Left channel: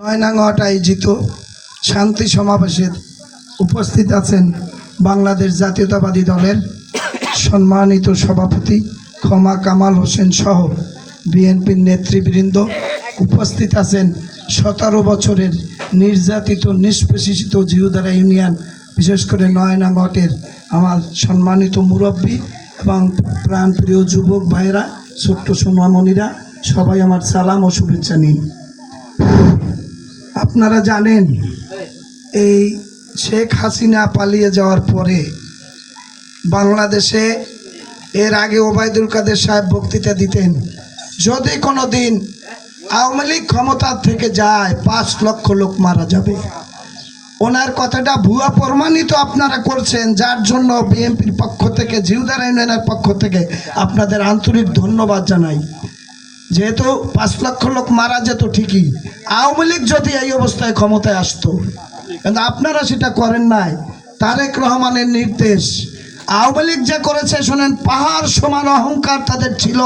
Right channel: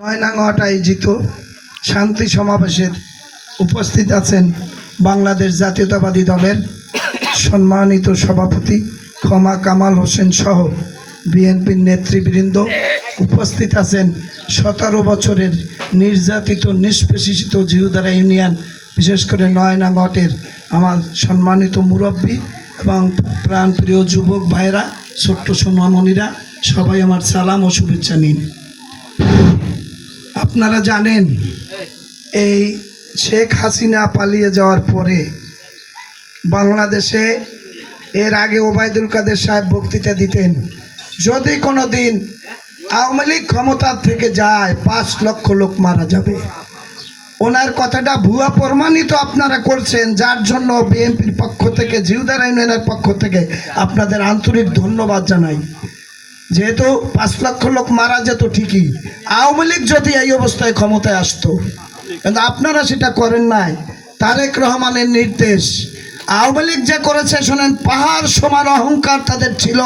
নয়নাঙ্গট আয়োজিত শান্তি সমাবেশের উপস্থিত আছেন বাংলাদেশ জাতীয়তাবাদী দলের সম্মানিত সভাপতি ক্ষমা কামাল হোসেন সহ বিএনপির নেতৃবৃন্দ। উপস্থিত আছেন সতেরো বছরের নির্যাতিত, নিষ্পেষিত জিহুদারা ইউনিয়ন, বিশেষ করে নয়নাঙ্গটের আমার সম্মানিত মুরব্বী এবং প্রাণপ্রিয় যুবক ভাইরা ছোট্ট সোনামণিরা সবাই আমার সালাম ও শুভেচ্ছা নিন। আপনারা জানেন, এই শেখ হাসিনা পালিয়ে যাওয়ার পরে বাংলাদেশে এর আগে ওবায়দুল কাদের সাহেব বক্তৃতা দিতেন, যদি কোনো দিন আওয়ামী লীগ ক্ষমতার থেকে যায়, পাঁচ লক্ষ লোক মারা যাবে। ওনার কথাটা ভুয়া প্রমাণিত আপনারা করছেন, যার জন্য বিএনপির পক্ষ থেকে, জিউদার ইউনিয়নের পক্ষ থেকে আপনাদের আন্তরিক ধন্যবাদ জানাই। যেহেতু পাঁচ লক্ষ লোক মারা যেত ঠিকই, আওয়ামী লীগ যদি এই অবস্থায় ক্ষমতায় আসতো, কিন্তু আপনারা সেটা করেন নাই। তারেক রহমানের নির্দেশ, আওয়ামী লীগ যে করেছে, শোনেন, পাহাড় সমান অহংকার তাদের ছিল।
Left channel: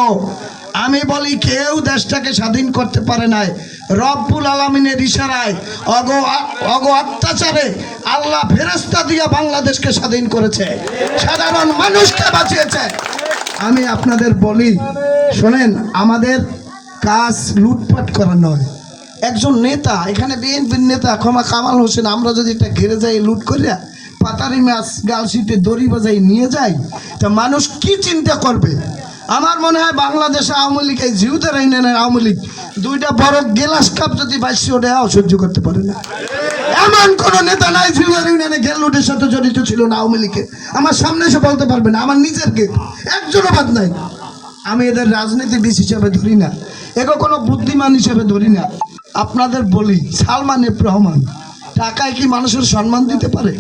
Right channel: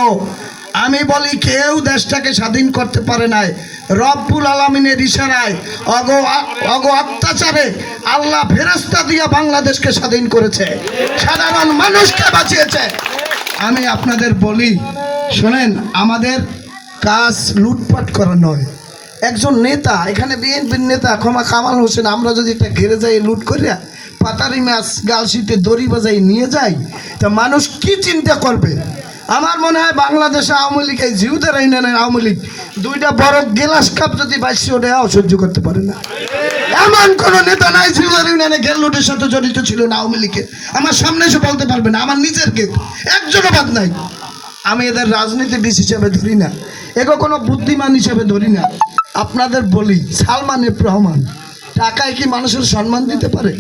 আমি বলি, কেউ দেশটাকে স্বাধীন করতে পারে নাই। রব্বুল আলমিনের ইশারায়, অগ অগ অত্যাচারে আল্লাহ ফেরস্তা দিয়ে বাংলাদেশকে স্বাধীন করেছে। সাধারণ মানুষকে বাঁচিয়েছে। আমি আপনাদের বলি, শোনেন, আমাদের কাজ লুটপাট করা নয়। একজন নেতা, এখানে বিএনপির নেতা ক্ষমা কামাল হোসেন, আমরা যদি এটা ঘেরে যাই, লুট করিয়া পাতারি মাছ গালশিতে দড়ি বাজাই নিয়ে যাই, তা মানুষ কি চিন্তা করবে? আমার মনে হয় বাংলাদেশে আওয়ামী লীগ, এই জিউদের ইউনিয়নের আওয়ামী লীগ, দুইটা বড় গেলাস কাপ যদি বাইশে ওঠে সহ্য করতে পারে না। এমন কোন নেতা নাই জিউদার ইউনিয়নে গেল লুটের সাথে জড়িত ছিল না আওয়ামী লীগে। আমার সামনে এসে বলতে পারবে না, আমার নিজের কে একজনও বাদ নাই। আমি এদের রাজনীতিবিদ হিসাবে ধরি না। এগো কোনো বুদ্ধিমান হিসেবে ধরি না। আপনাদের বলি, সালমান এফ রহমান, টাকায় কি মানুষের সম্মান দিতে পারে?